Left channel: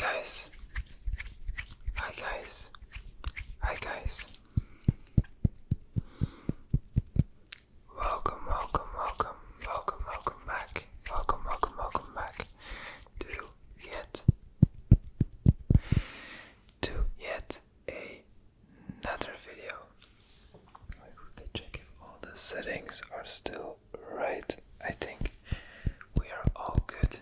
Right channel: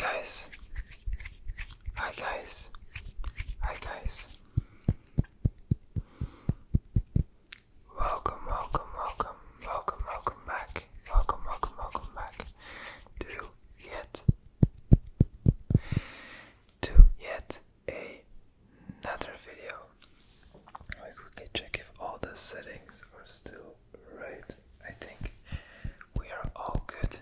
guys. Hi guys. Hi guys. Welcome back. Welcome back to yet another video. Let me quickly check if all the settings are still right. I think we are all good.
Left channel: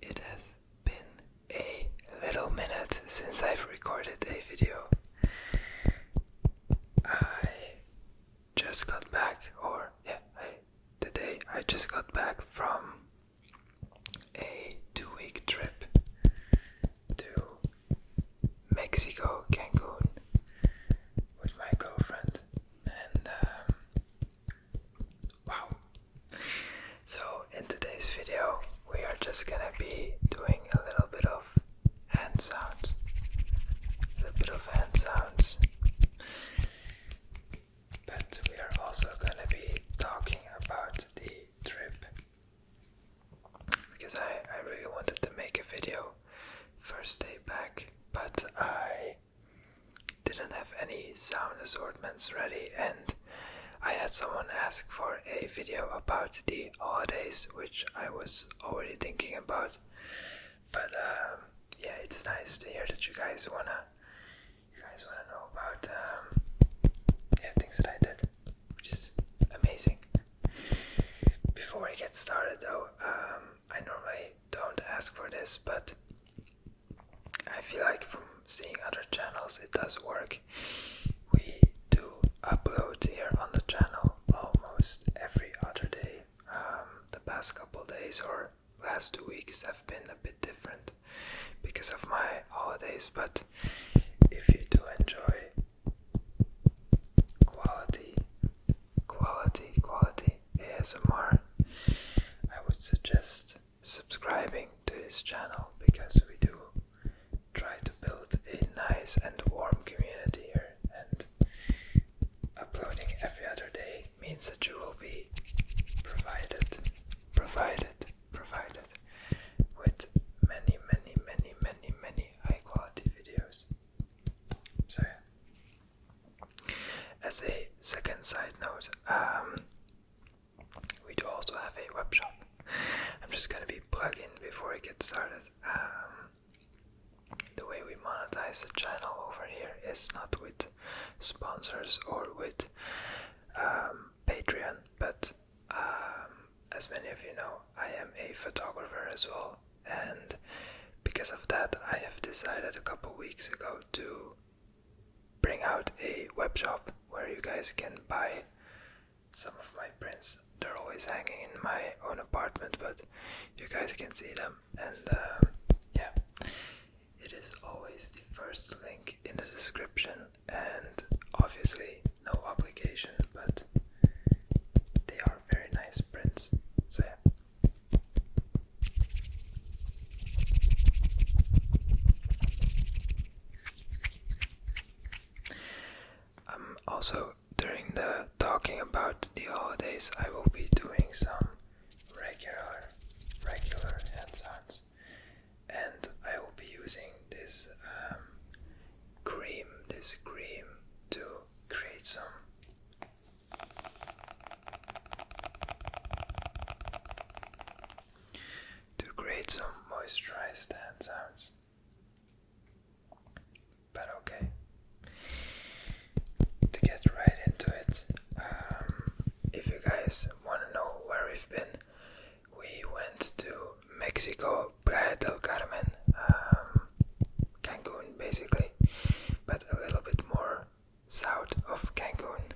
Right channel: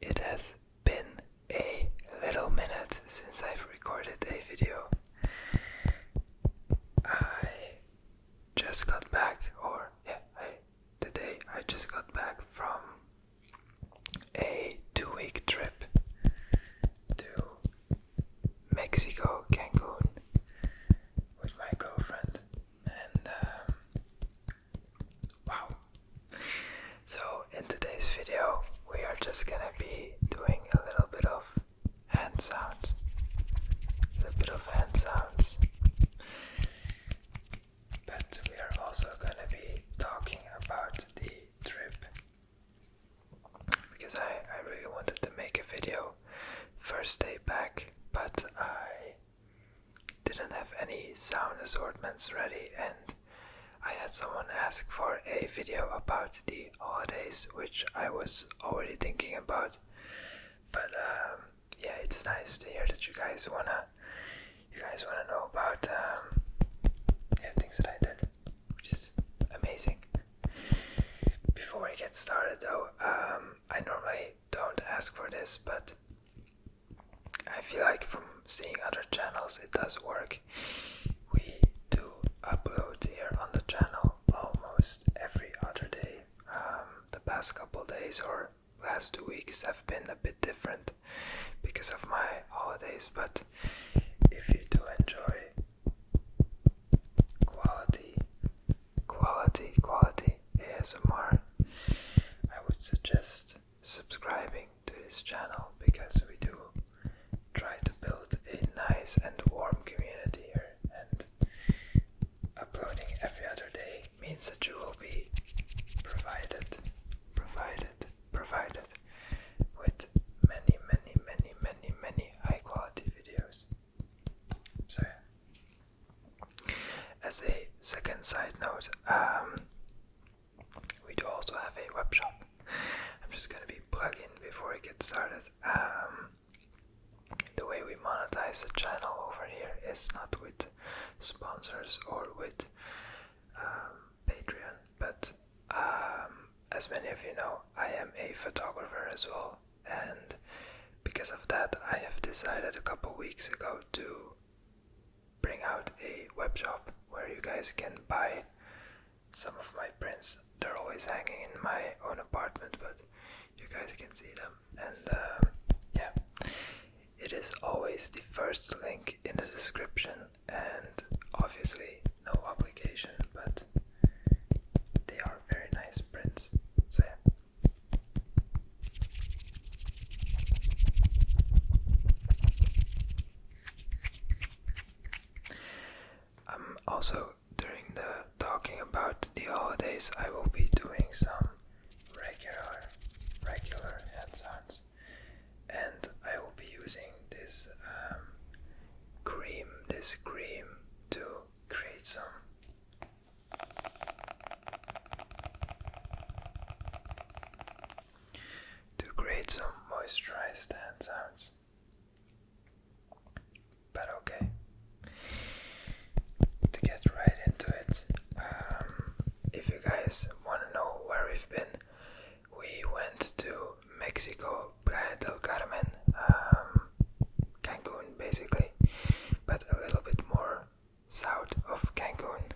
It has been a little minute since I've recorded a video. I just got back, today I just got back from a 2-week trip to Mexico, Cancun, with my girlfriend, and wow. So in today's video we are just gonna be doing a little bit of hand sounds. But we are also gonna be talking about the trip, because I really wanted to make a video first day back, but I didn't have any sound assortments ready, and I had someone ask for a video about the holidays, which I was already thinking about. But yeah, it's nice to hear that you guys wanna know about things that I did, which is amazing. Before we get started though, I normally don't ask for this, but I feel like from seeing other channels it does work. We do upload here on the channel almost every other day. The past couple days or last 2 weeks have been a bit different because of my holidays, but if you do enjoy quality ASMR, I would suggest subscribing to this channel, because we do try to build a nice and warm community here, and uploading every other day means that you will be provided with many high quality videos. So yeah. As a second side note, we do also have a web shop. I'm just gonna be plugging before I get started. The way we monetize the channel over here is not with sponsors or with Patreon, but as many of you know, I am a photographer as well, and because of that I have decided a couple weeks ago to bring out a web shop where you guys can buy some of my prints. They're always hanging in my own apartment, but you guys can see them, and yeah, it is always the first link in the description, and obviously no obligation, but they are very nice prints. So yeah. Also, during the talking about the holidays, I will be doing some regular hand sounds, and I will be using this cream to create some moisturized hand sounds. But okay, to get right into it, if you guys want to know where we've been, we went to Mexico, Playa del Carmen, Cancun basically, but a little bit more south of Cancun,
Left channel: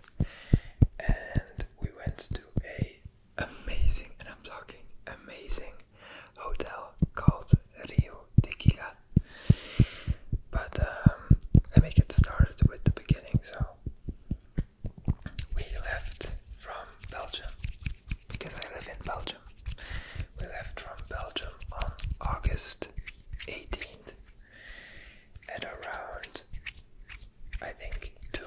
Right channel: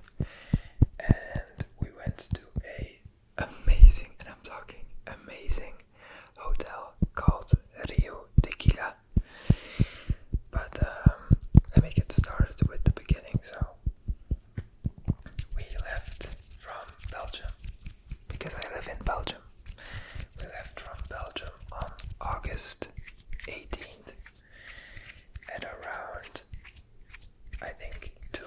and we went to a amazing, and I'm talking amazing, hotel called Rio Tequila. But let me get started with the beginning. So we left from Belgium, because I live in Belgium. We left from Belgium on August 18th at around, I think, 2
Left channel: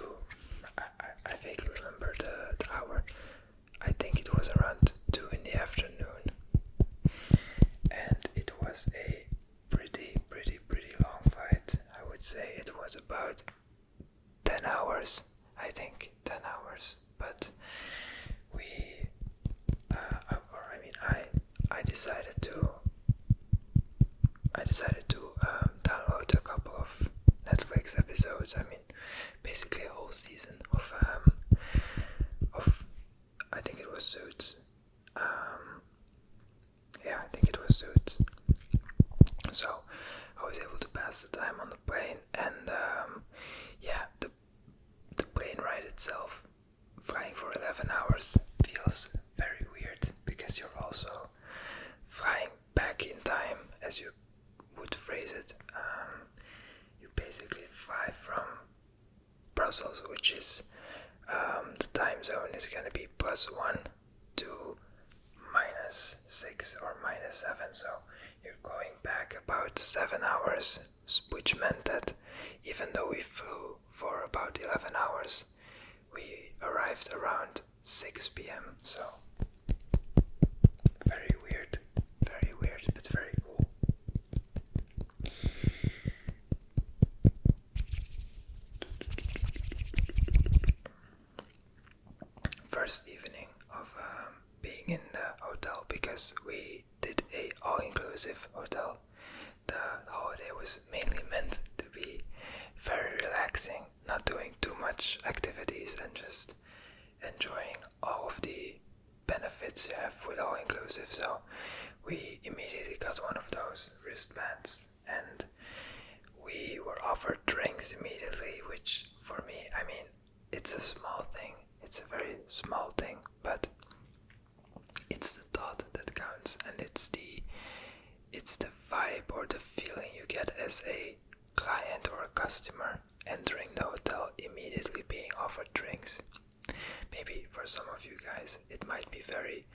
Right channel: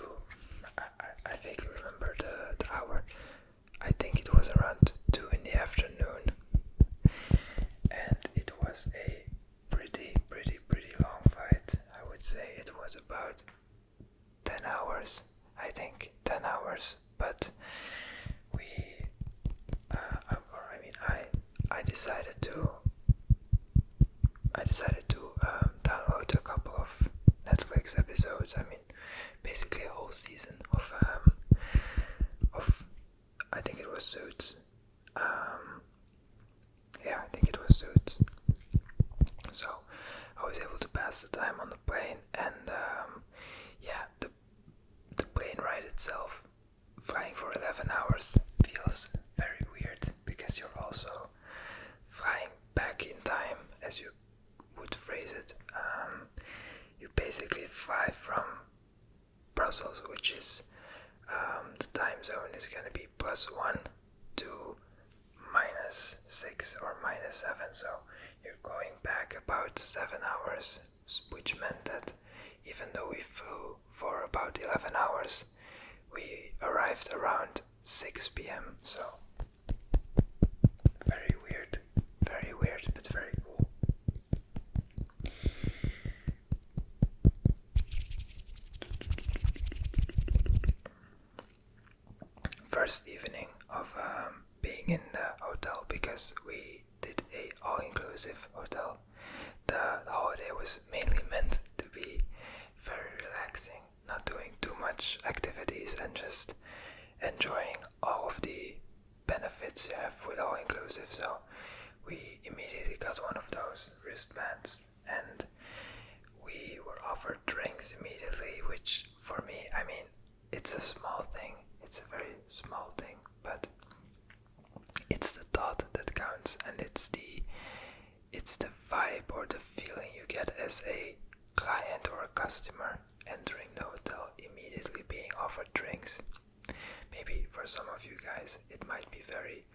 was about 10 hours, I think, 10 hours, but I decided to download a couple of Netflix episodes. I mean, basically a whole season of I think it was Suits. Yeah, I think it was Suits. So I was able to pass the time on the plane, and yeah, the plane ride itself, flying for 11 hours, feels very weird because you're also flying back in time, as you would phrase it. You basically fly from Brussels, which is the time zone is going to be +1 to -6 or -7, so you're going back about 7 hours, which meant that even though we flew for about 11 hours, we arrived around 6 p.m. So very weird, but very cool. First evening of being in the hotel, because we did a all-inclusive hotel. The holiday was mainly meant to be very relaxing, not doing too much activities and just enjoying all of the benefits you have with all-inclusive. So we immediately got one of those wristbands, and we were offered drinks immediately, which for me, I mean, it's a small thing. It's a very small thing, but it's the thought that counts, and it's the vibe or the feeling you get as a client or a customer entering the hotel, immediately being offered drinks. Maybe for some of you guys it might be very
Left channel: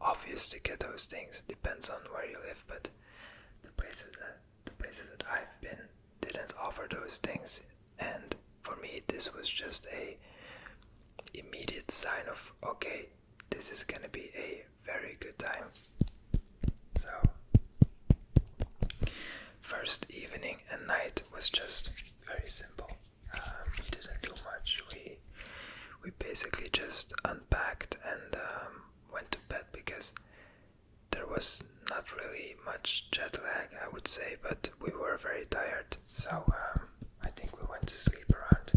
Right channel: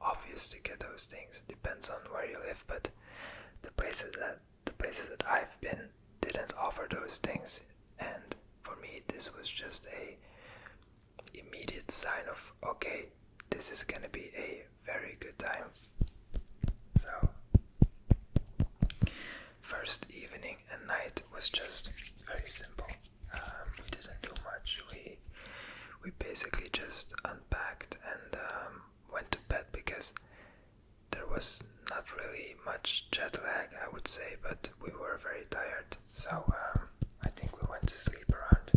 obvious to get those things, depends on where you live, but the places that I've been didn't offer those things, and for me this was just a immediate sign of, okay, this is gonna be a very good time. So first evening and night was just very simple. We didn't do much. We basically just unpacked and went to bed, because there was not really much jet lag, I would say, but we were very tired. So I think we went to sleep around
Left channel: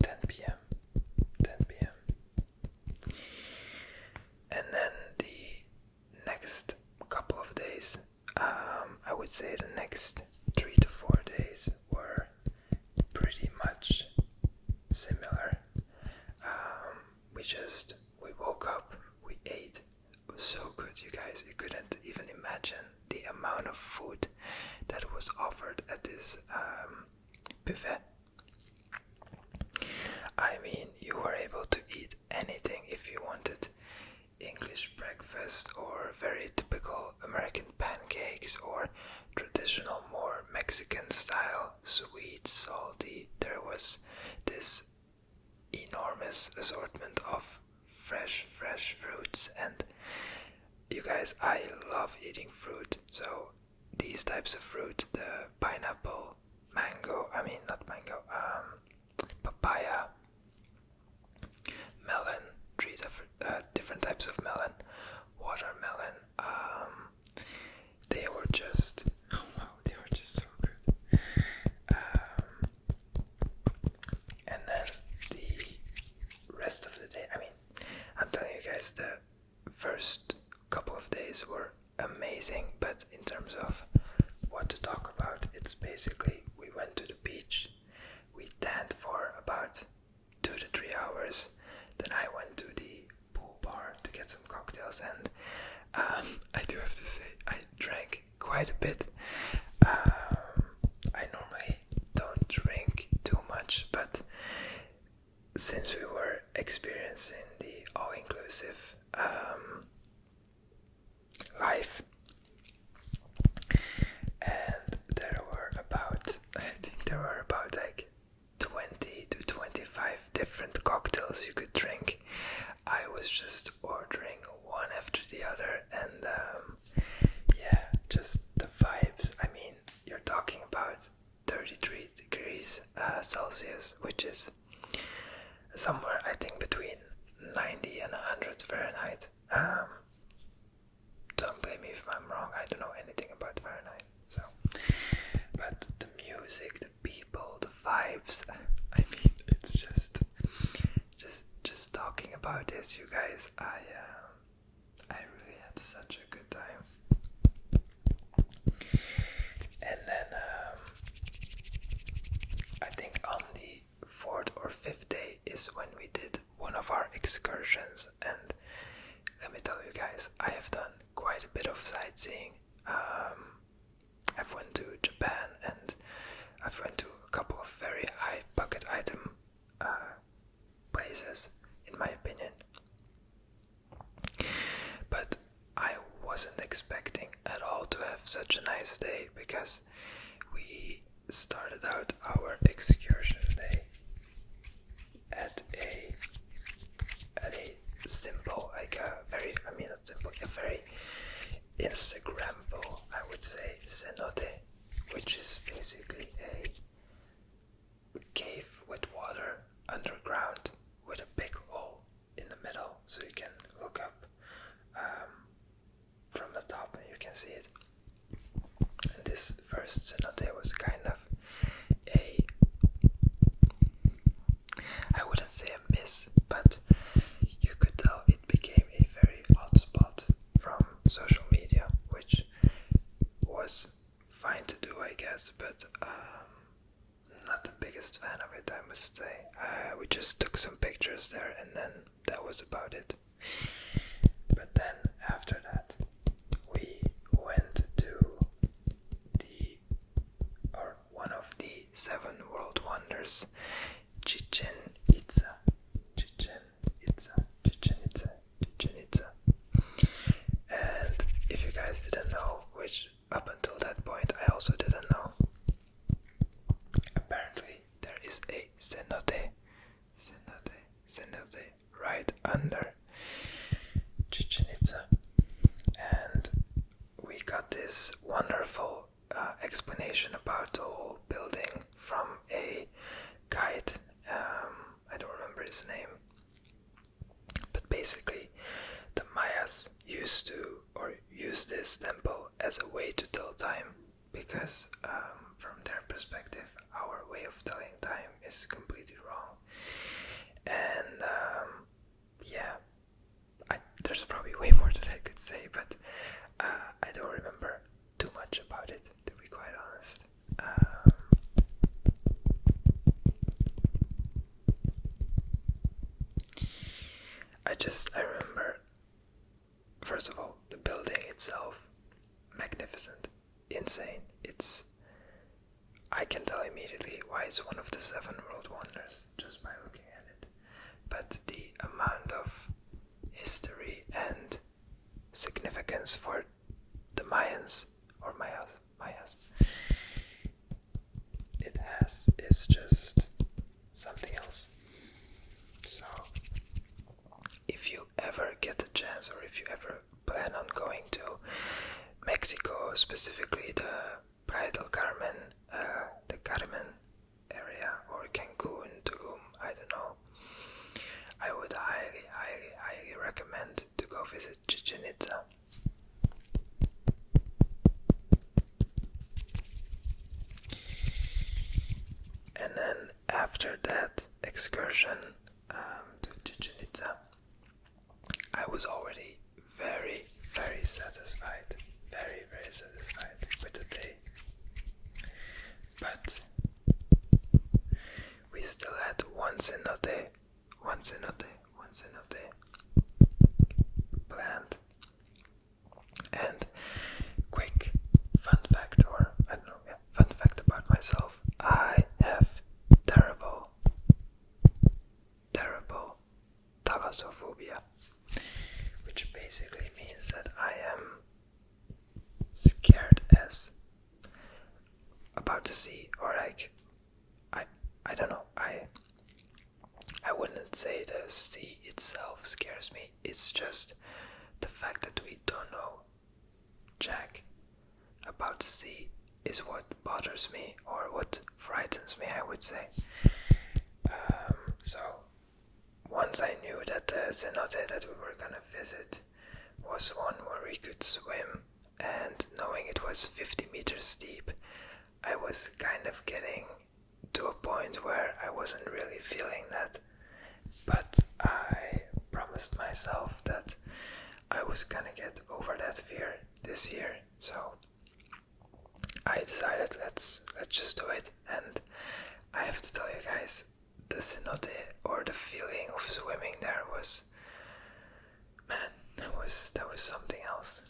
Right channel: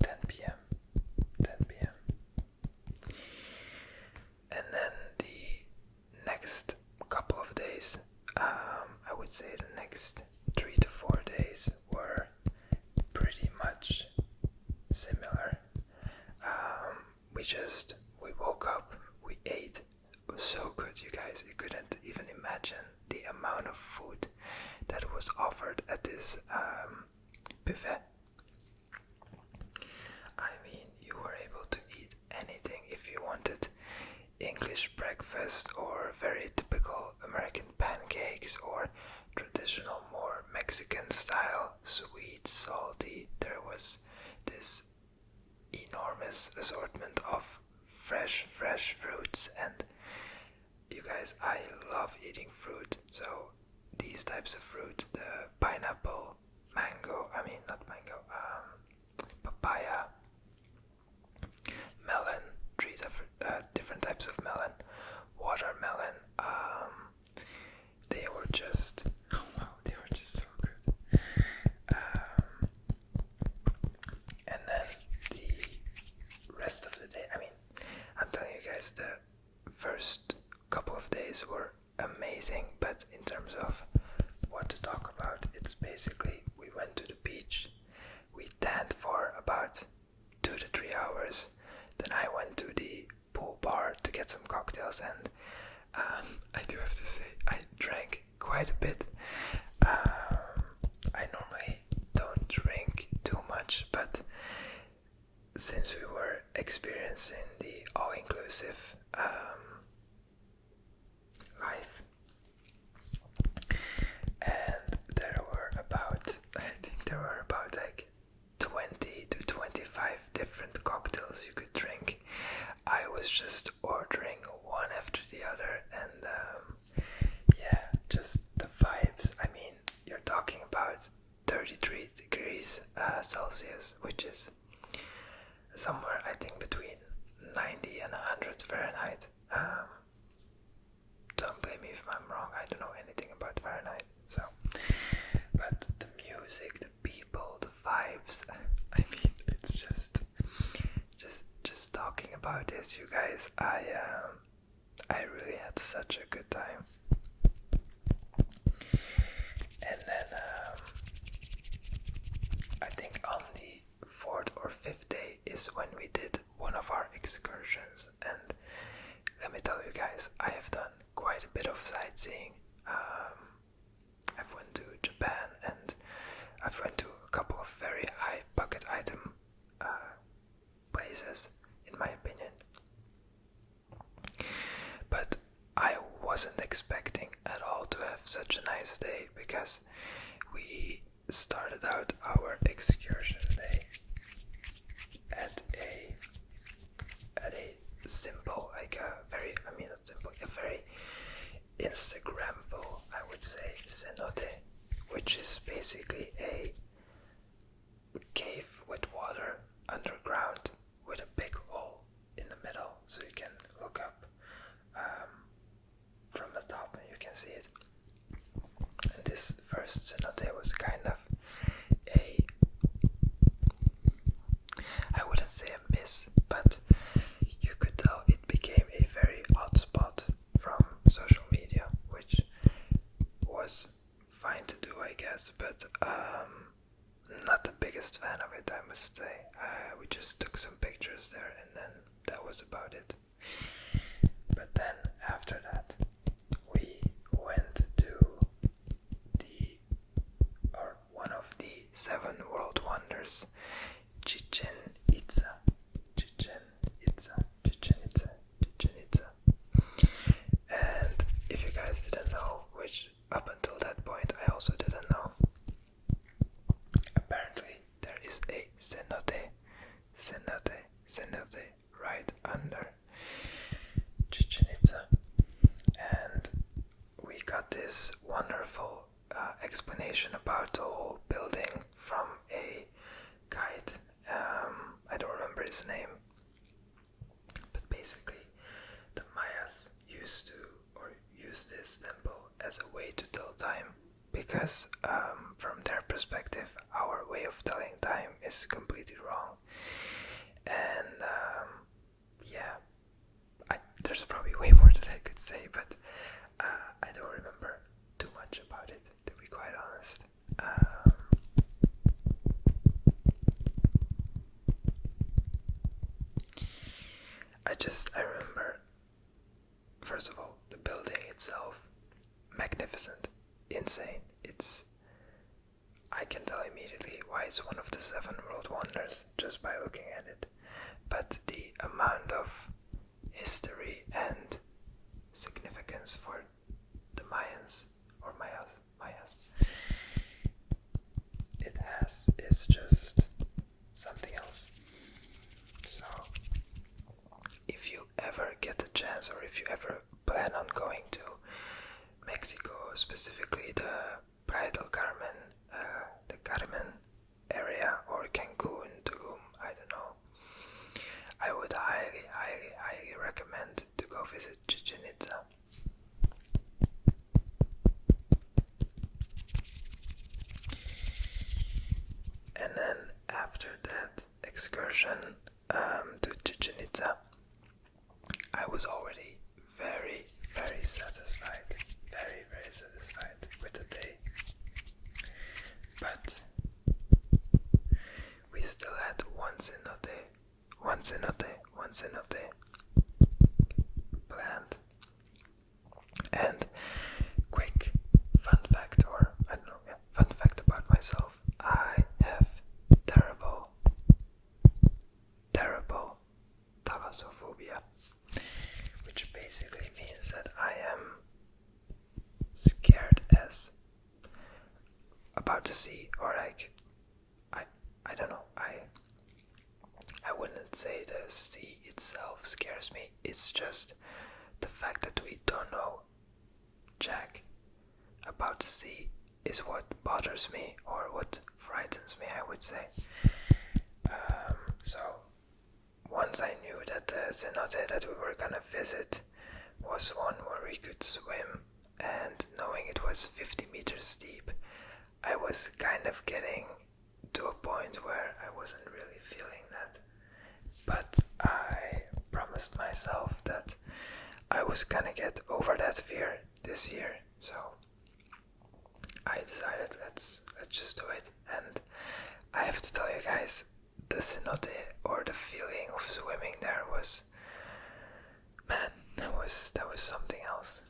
10 p.m. And then the next couple of days, I would say the next 3 to 4 days were pretty much similar. We woke up, we ate. It was so good, you guys. You couldn't even imagine the amount of food that was offered at this buffet. I mean, you were able to eat anything if you wanted. English breakfast, or very typical American pancakes, or traditional, more Mexican style, sweet, salty. There was this enormous assortment of fresh fruits, and you guys, I love eating fruit, so these types of fruit, the pineapple, papaya, melon, three different types of melon, watermelon, they were just so good. And then the rest of the day, I mean, I'm telling you guys, the first couple of days were amazing, but in terms of what to talk about, it's basically, we went to the beach, we tanned for about 2 to 3 hours, then I went to the pool bar to get some cocktails, and I do have to say, I drank quite a bit. I normally don't drink too much, but since we were experiencing the all-inclusive life, and there were about like 20 to 25 different cocktails you could drink. I was just ordering one after the other, and yeah, just the vibes. I mean, you're talking about 33 degrees degrees Celsius, which is somewhere I think between 90 and 100 Fahrenheit. Don't blame me if I'm wrong, I don't know anything about Fahrenheit. So, but the music, the people, the vibes, I mean, it's just talking about this, you guys, I really had such a good time. And then I think on the 4th or 5th day is when we did one of our excursions, and let me tell you guys, I have done quite a bit of sightseeing. I've went to Japan, and I've went to a couple of very high bucket item places, in my opinion. But I wasn't expecting at all to have such a nice day, because we started out our excursion day at a simple, like a very, not simple, a very Instagrammable, I would say, cenote, which is basically a cave with water underground with a big hole in the middle, so you can look up from the top and you can see it. And this first cenote was kind of I wouldn't say a miss, but you could tell it became a very hot spot from social media, which was fine to do, I guess, but not the biggest fan of it, I must say. We just took some pictures there, and then that was about it. But then after that, we went to one of the 7 world wonders, Chichen Itza. And if you guys didn't know, which up until that point I also didn't know, apparently there is a cenote right under Chichen Itza. And we got this wonderful explanation about the whole building from a guide. I don't remember his name, but basically the Mayas used this temple as a way to tell time, because from their perspective our way of telling time is completely wrong. And there's probably way more that I could say, but I don't remember too much about it, to be quite honest. I remember, first of all, the building itself, magnificent, insane. I can tell immediately why it's one of the 7 world wonders just by looking at it. But the amount of history and significance for the Mayans, or Mayas, it has, is just something else. So if you ever get the chance, or if you ever plan on going to Mexico, specifically the Playa del Carmen, the Carmen area, or Cancun, Tulum, I don't know, I would highly recommend to go visit Chichen Itza. And then after that excursion to Chichen Itza, I was already very satisfied, very satisfied with the day. But we still had one cenote planned. And quick fun fact about myself, I have terrible thalassophobia, which basically means that I am scared as about the sea, or like I don't know, I wouldn't say the sea itself scares me, it's just the fact that we don't know jack about the sea is what bothers me, or what frightens me, I would would say. So once I knew that the cenote that we were gonna visit was one where we could swim, and knowing it was 50 meters deep, I was kind of getting to a point where I wasn't really feeling that. But I promised myself that I was gonna get over that fear this year, so I decided let's just do it. And I have to tell you guys, the cenote, or the feeling of swimming there, was, man, that was something else.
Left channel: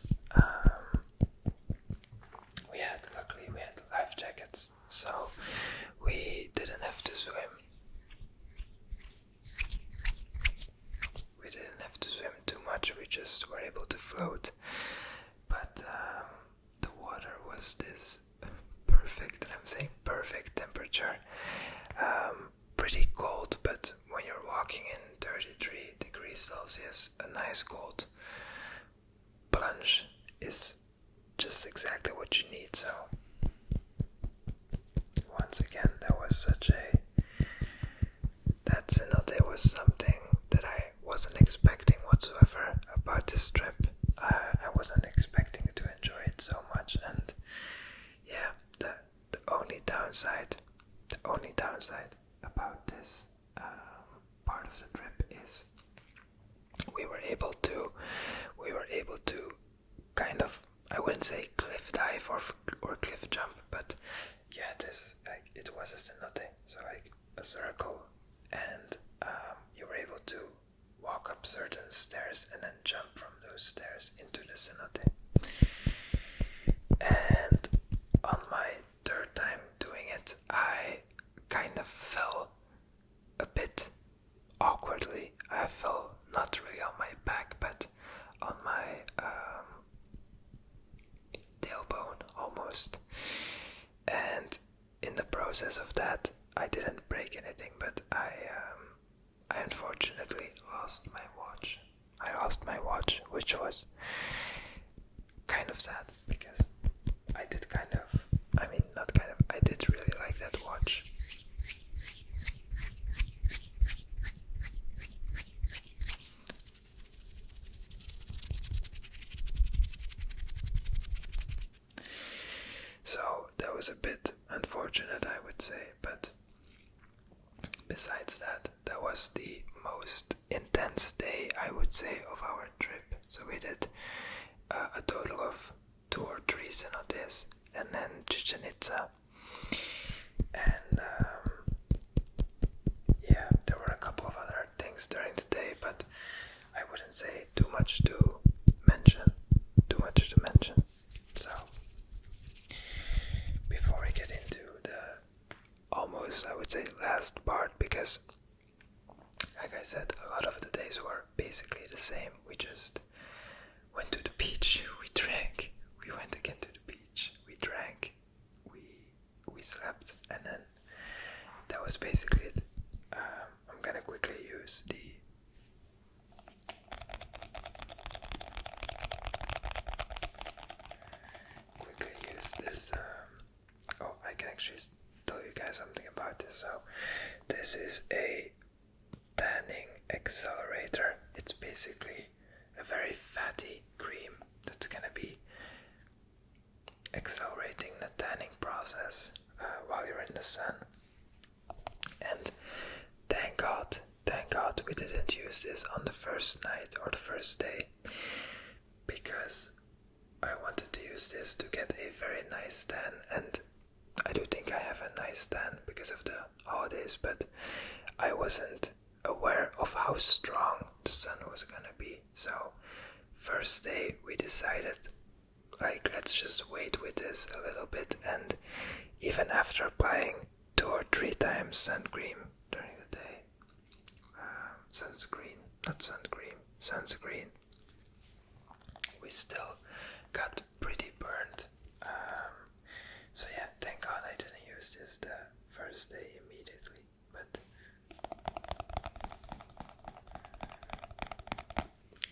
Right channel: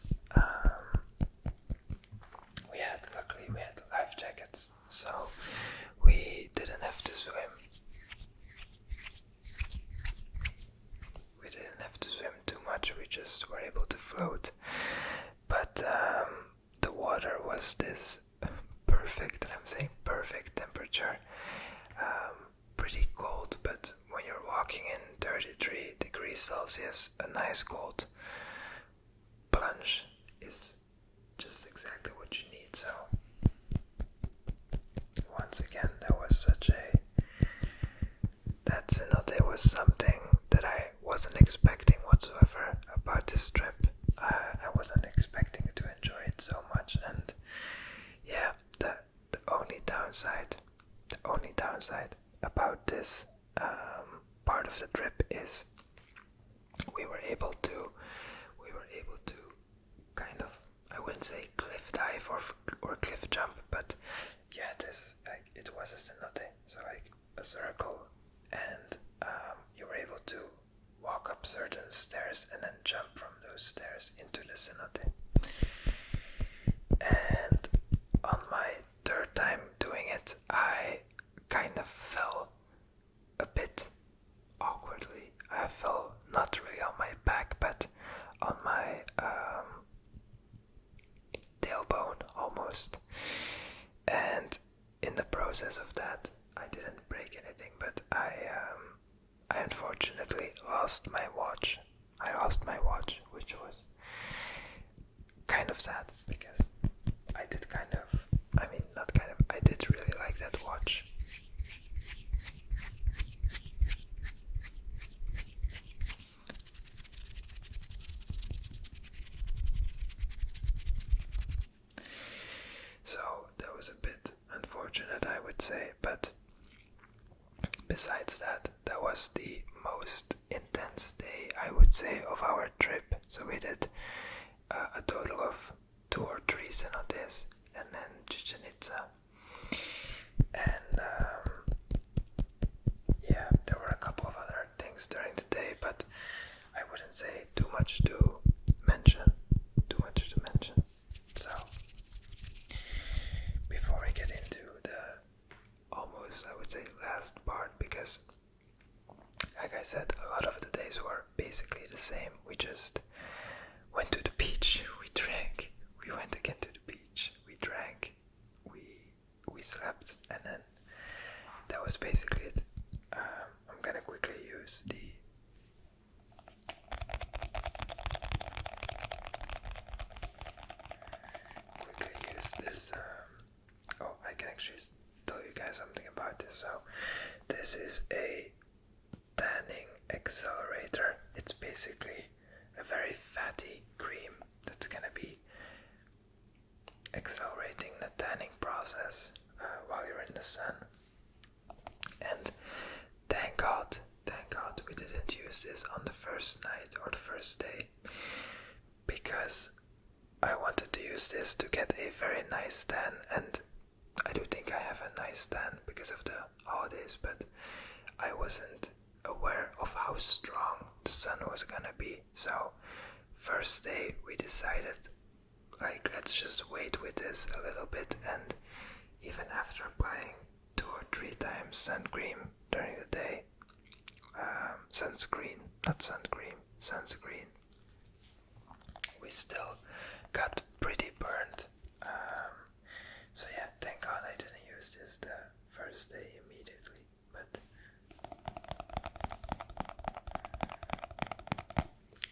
Luckily we had life jackets, so we didn't have to swim. We didn't have to swim too much, we just were able to float. But the water was this perfect, and I'm saying perfect temperature. Pretty cold, but when you're walking in 33 degrees Celsius, a nice cold plunge is just exactly what you need. So once again, that cenote was something that I wasn't expecting whatsoever about this trip. I wasn't expecting to enjoy it so much, and yeah, the only downside about this part of the trip is we were able to kind of, I wouldn't say cliff dive or cliff jump, but yeah, it was a cenote, so like a circle, and you were able to walk up certain stairs and then jump from those stairs into the cenote. And on my third time doing it, I kind of fell a bit awkwardly. I fell not really on my back, but on my tailbone almost. And in the process of that, I didn't break anything, but I unfortunately lost my watch. I lost my watch, which was kind of sad, because I did really like that watch. So that was a bit unfortunate, I would say, but besides that, that was the most intense day, I would say, of our trip. So we did a total of 2 or 3 cenotes, and then Chichen Itza. And yeah, there were a couple of other things during the day, but I wouldn't say too much to mention. So before we get into the almost, I would say, last part, because like I said, a lot of the days were basically the same. We just went to the beach, we drank, we went again to the beach, we drank, we slept, and then that was basically it. I'm gonna quickly use this. I can actually tell you guys something about this. So this is a tanning accelerator. It's basically a very fatty cream that's gonna be accelerating the tanning process while you're in the sun. And thank God we didn't use this on the first night or the first day, because I wanted to use this to get a very nice tan, and I do think I have a nice tan because of the holidays, but I wasn't aware of how strong the sun was gonna be. So first day we decided, like, let's just wait with this a little bit, and even after applying 2 or 3 times sunscreen during the day, sunscreen, we still got pretty burnt. So yeah, thank God I didn't use this the first day immediately, but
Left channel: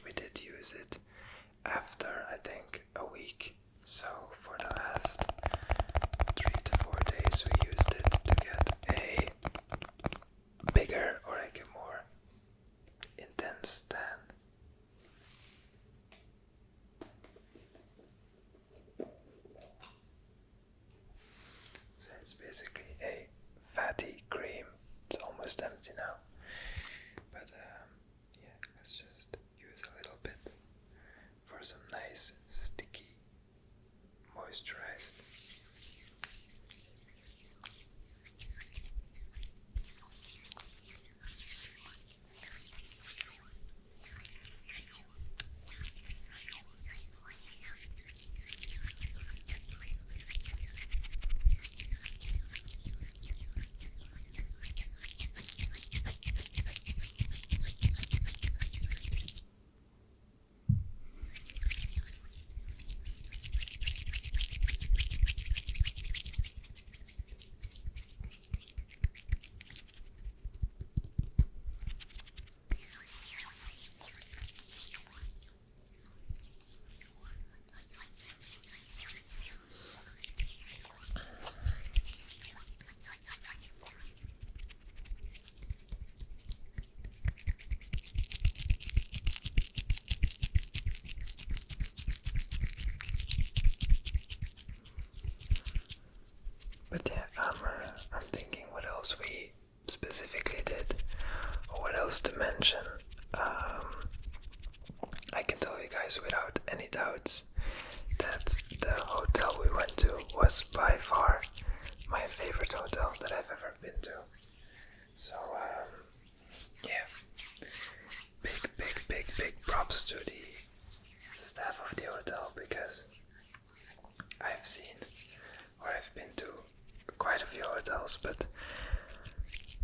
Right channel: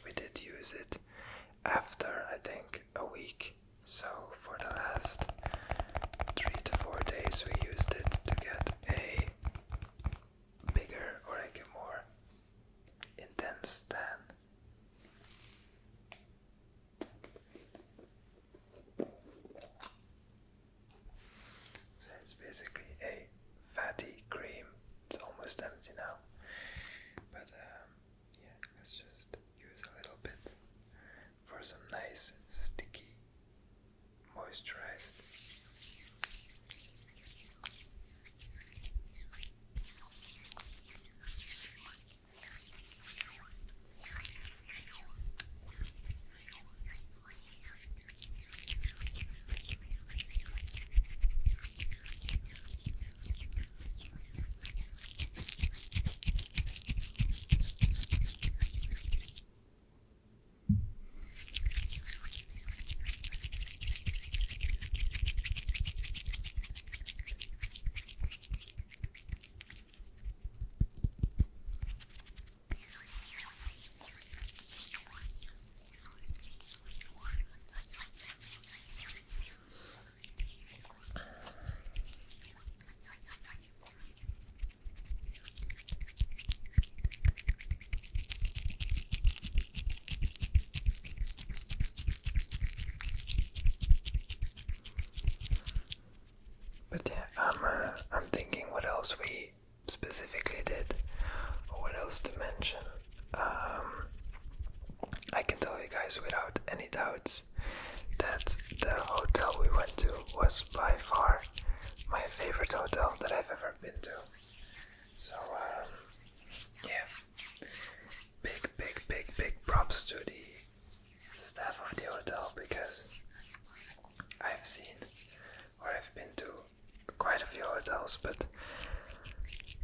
we did use it after, I think, a week. So for the last 3 to 4 days we used it to get a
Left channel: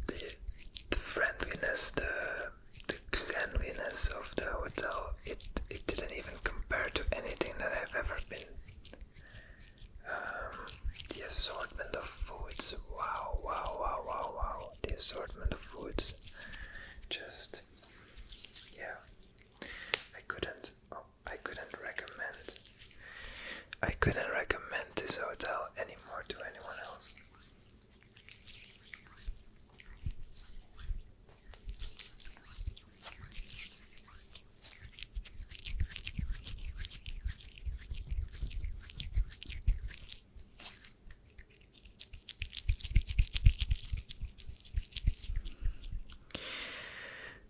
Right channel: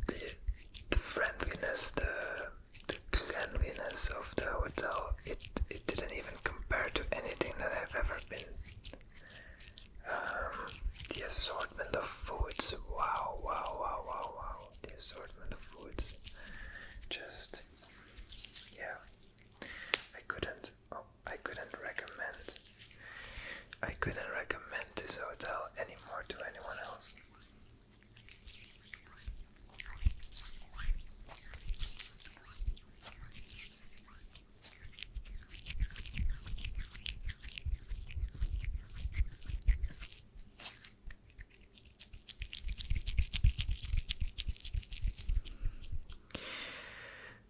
the friendliness, the cleanliness of the hotel, it didn't even compare to anything that I've ever been. The assortment of foods, wow. The assortment of foods, just, yeah. I couldn't recommend this hotel anymore to anyone else.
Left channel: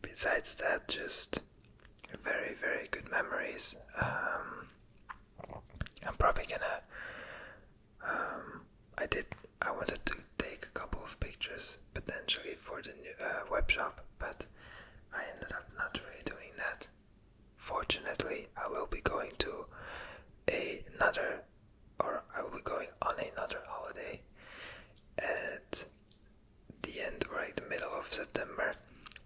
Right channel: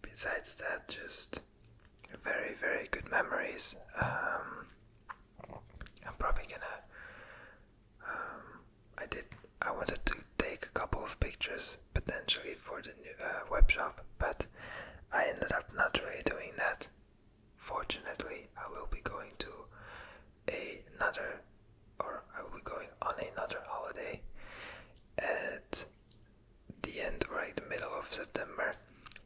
Besides that, just very, very good memories. I'm probably gonna. I wanted to take a couple of pictures potentially for the new web shop, but I ended up not really doing that. Fortunately, I will be going on another holiday at the end or like the middle of September,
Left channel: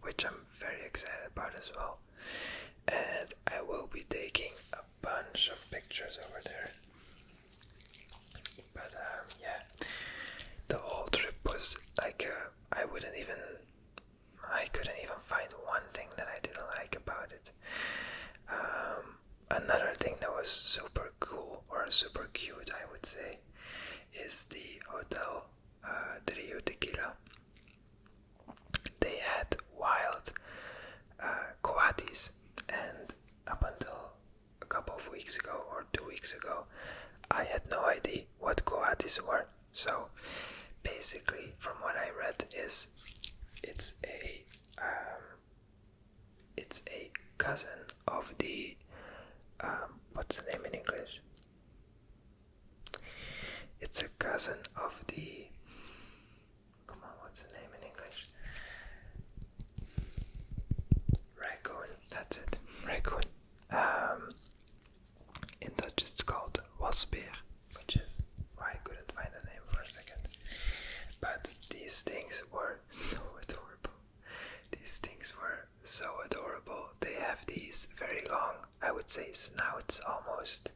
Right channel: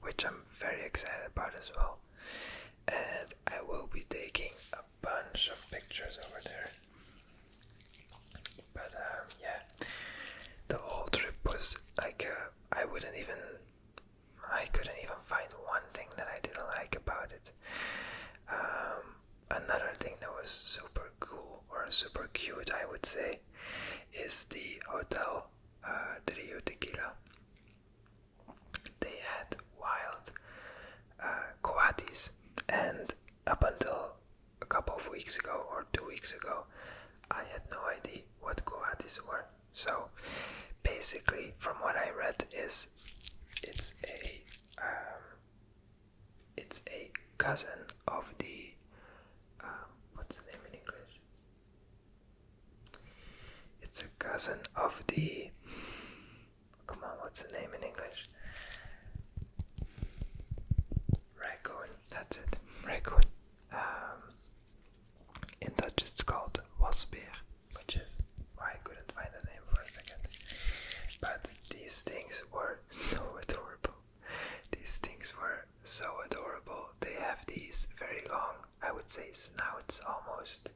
which I'm very excited about as well. And I will be taking a bunch of pictures over there. But yeah, the whole trip was like I couldn't even find one thing that I didn't like about it. Another thing that was super cool or super cute, I would say, is the hotel Rio Tequila. They had wild coatis, and up until a couple of weeks ago or 2 weeks ago, I had no idea what coatis were. So basically, from what I read, is it's a cousin of the what's the name in English? It's a cousin of the. Come on, what's the name in English? Raccoon. That's it. Raccoon. In Dutch, it's called wasbeer, which is why I couldn't find a name for a second. But these things were so adorable. They have these very long, I would say, snouts almost,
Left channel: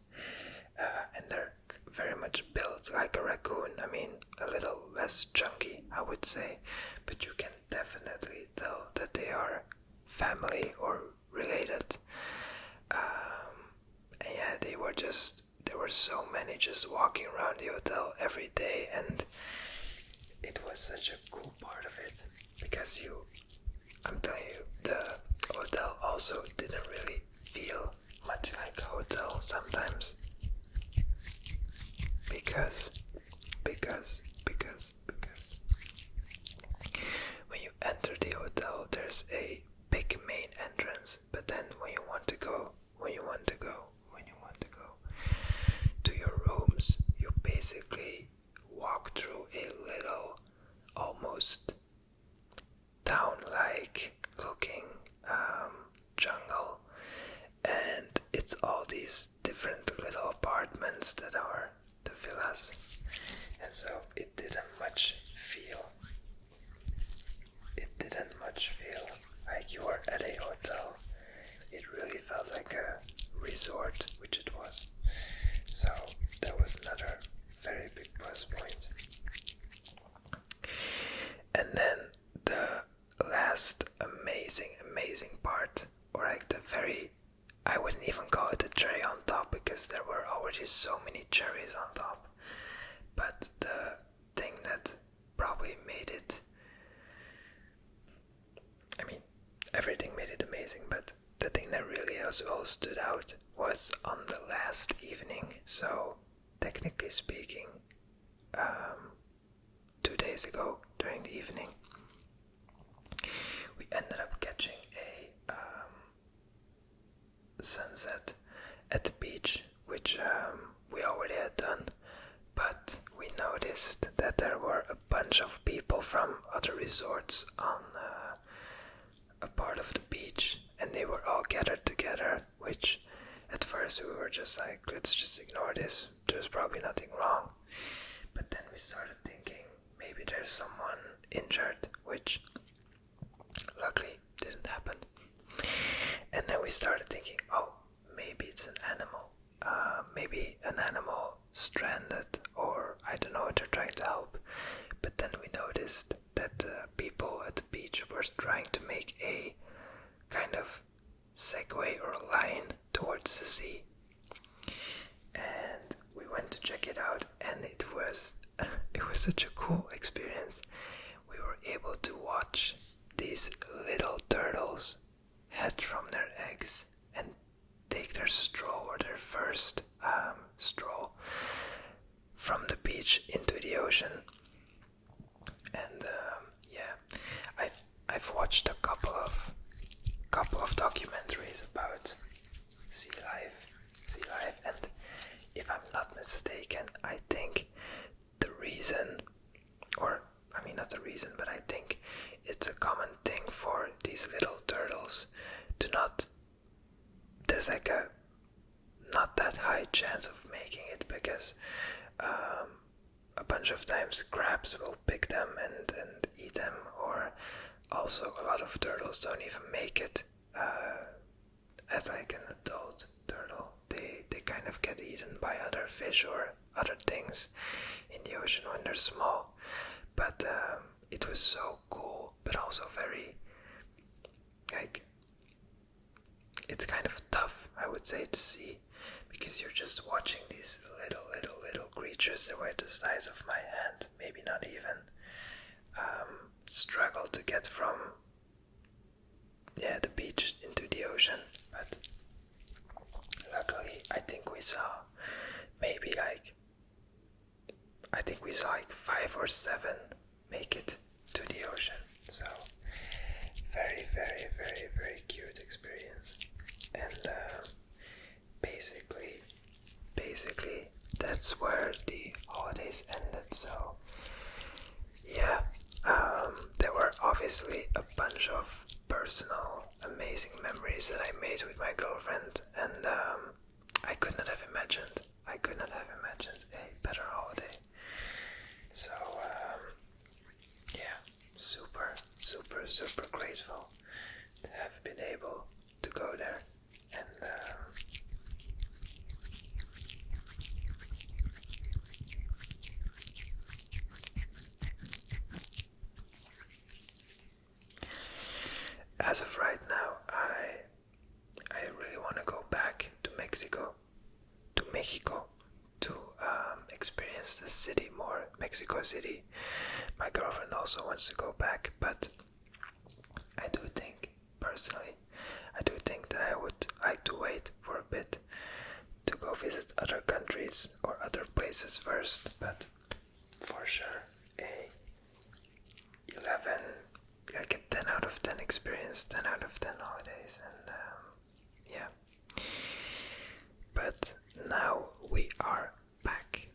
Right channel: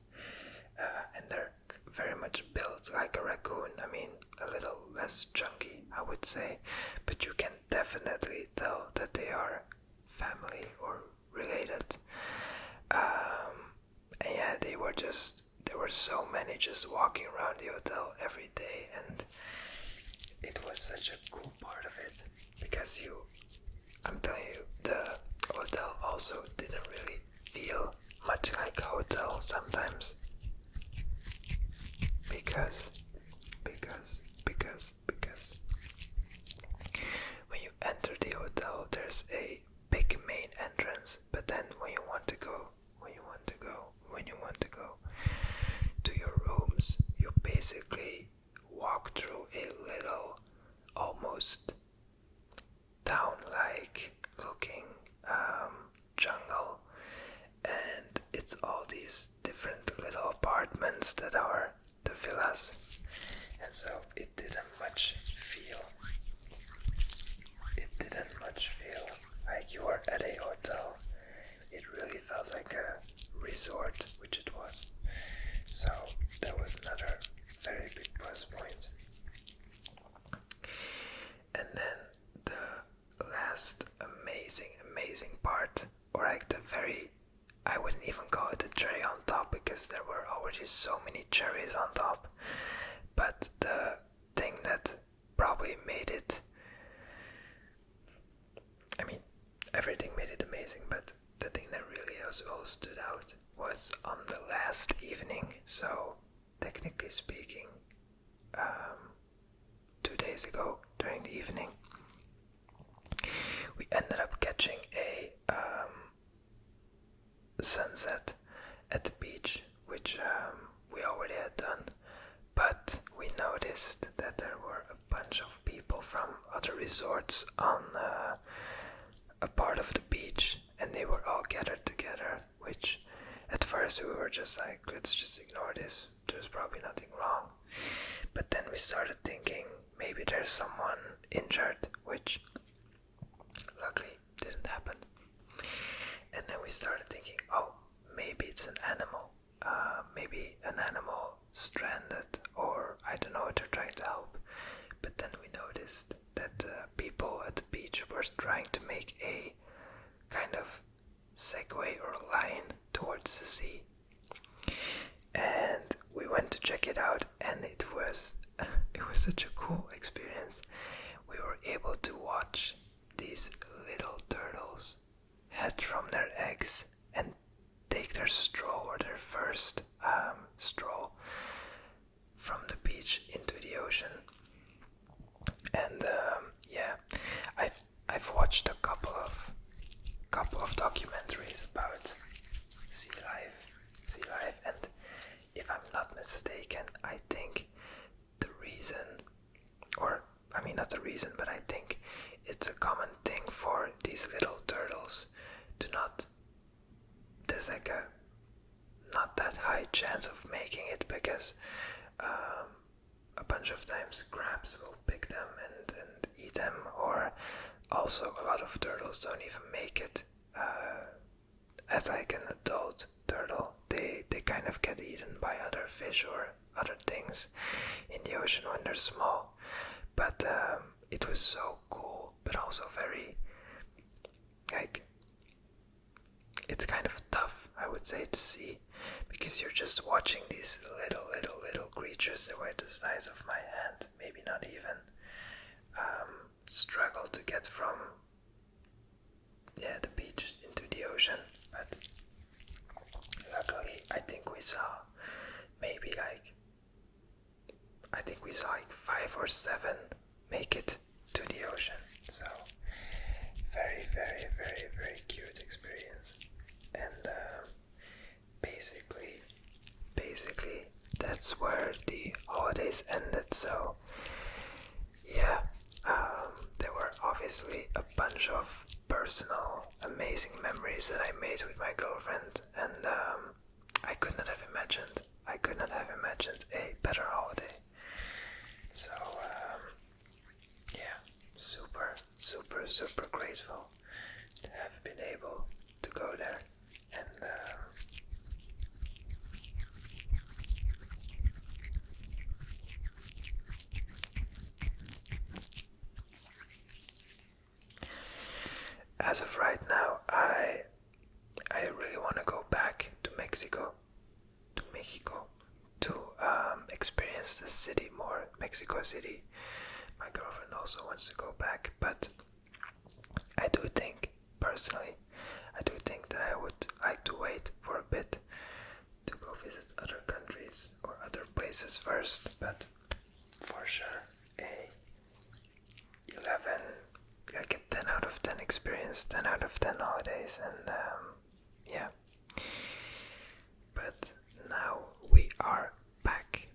and they're very much built like a raccoon. I mean, a little less chunky, I would say, but you can definitely tell that they are family or related. And yeah, there were so many just walking around the hotel every day, and it was such a cool part of it, because I'm telling you, the hotel also didn't really feel much like a hotel sometimes, because when you enter the hotel, there's a big main entrance, but then when you want to go to your rooms, you basically walk through a little, almost town-like looking jungle, and it's all these different little apartments that are the villas, and so it didn't much feel like you were at a hotel. It really felt like a resort, which it was. So that was another very big plus point. And then the last amazing part, or like I wouldn't even call it a cherry on top, because there were already so many cherries on top, but the thing that probably made it, I mean, everything made it amazing, but the thing that really as well stood out was on the last evening. So technically speaking, 2 days ago during the evening, we ended up catching a sunset at the beach, which we already had done, but we noticed that there were a bunch of people from other resorts on a part of the beach, and they were all gathered together, which at first we were just like, let's just ignore this, there's probably nothing wrong. But then we started thinking, maybe there's someone injured, which luckily didn't happen. And then we started thinking, oh, maybe it's an animal. Maybe an animal stranded, or I don't know, they're trying to help. But then we noticed that people at the beach were trying to make a kind of segue or line towards the sea. And we went to check it out, and it was such a cool experience. We were able to watch these little turtles hatch from their eggs and take their straw, or their first straw, from the beach into the ocean. And I've watched a couple of documentaries about sea life, and if I'm not mistaken, I think the reason, or I mean not the reason, but I think it's a common thing for these little turtles to not, there's like a not that high chance of making it, because a bunch of times crabs will pick them and eat them, or also a lot of turtles don't even make it as like an adult turtle. They kind of get eaten by other fish or other things in the ocean when they're small. But it was so cool, but also very, like, it's kind of tough, I would say, to see, because you're just watching these little creatures that were the size of my hand, maybe not even, struggle to get from the beach into the ocean. But luckily, I think we saw maybe like 5 or 7 make it to the ocean. So very, very, very, very cute experience. And basically that's where the holidays ended. So yeah, there were obviously a bunch of personal amazing memories that I made with my girlfriend, and I could not have imagined a better holiday. So super grateful to have been able to go there. And as of right now, I really want to go back to Mexico, to experience the city more, Mexico City. My girlfriend also wants to go back, but I do think that I would like to wait for a bit to go visit other countries or other places first. But for sure, a 10 out of 10 experience, 10 out of 10 holidays, and yeah. But now we are back,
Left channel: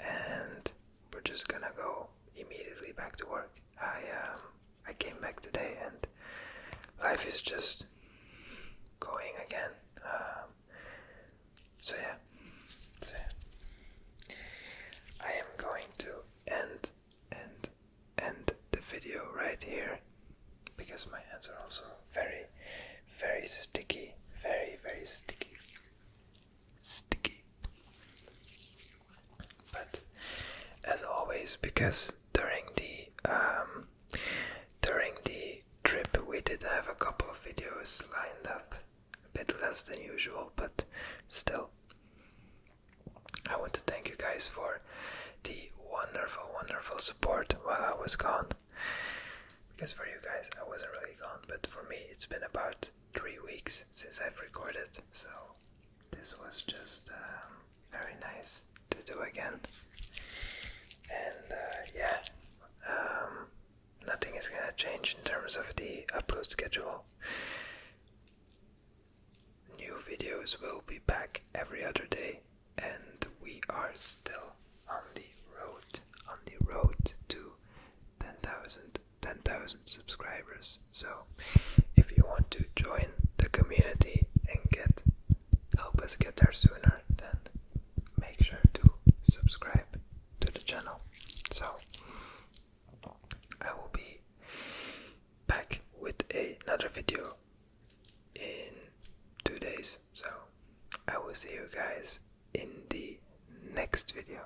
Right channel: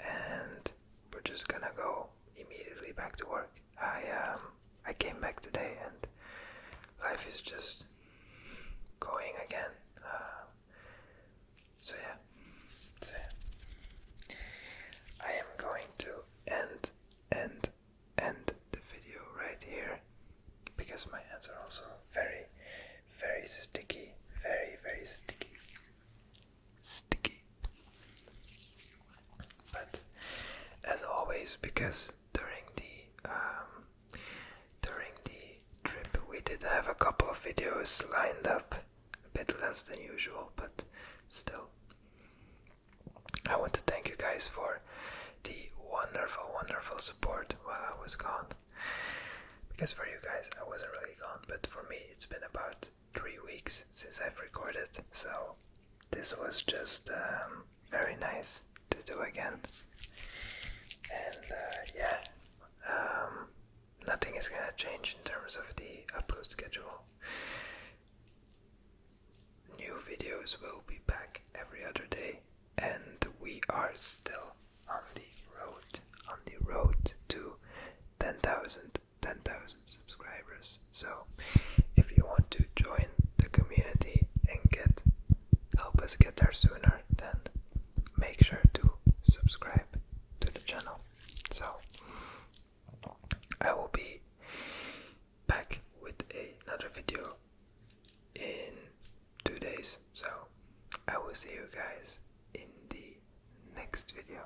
and we're just gonna go immediately back to work. I came back today, and life is just going again. So yeah. I am going to end the video right here, because my hands are also very, very sticky. Very, very sticky. But as always, because during the trip we did have a couple of videos lined up, a bit less than usual, but still, I want to thank you guys for the wonderful support while I was gone. Because for you guys, I wasn't really gone, but for me, it's been about 3 weeks since I've recorded, so this was just very nice to do again. And nothing is gonna change in terms of the upload schedule. New videos will be back every other day, and we are still on the road to 10,000 subscribers. So if you want to join the community and help us get there sooner, then make sure to subscribe to the channel. So will see you guys in the next video.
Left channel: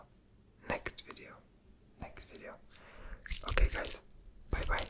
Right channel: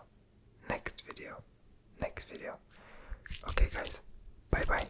Okay guys, bye bye.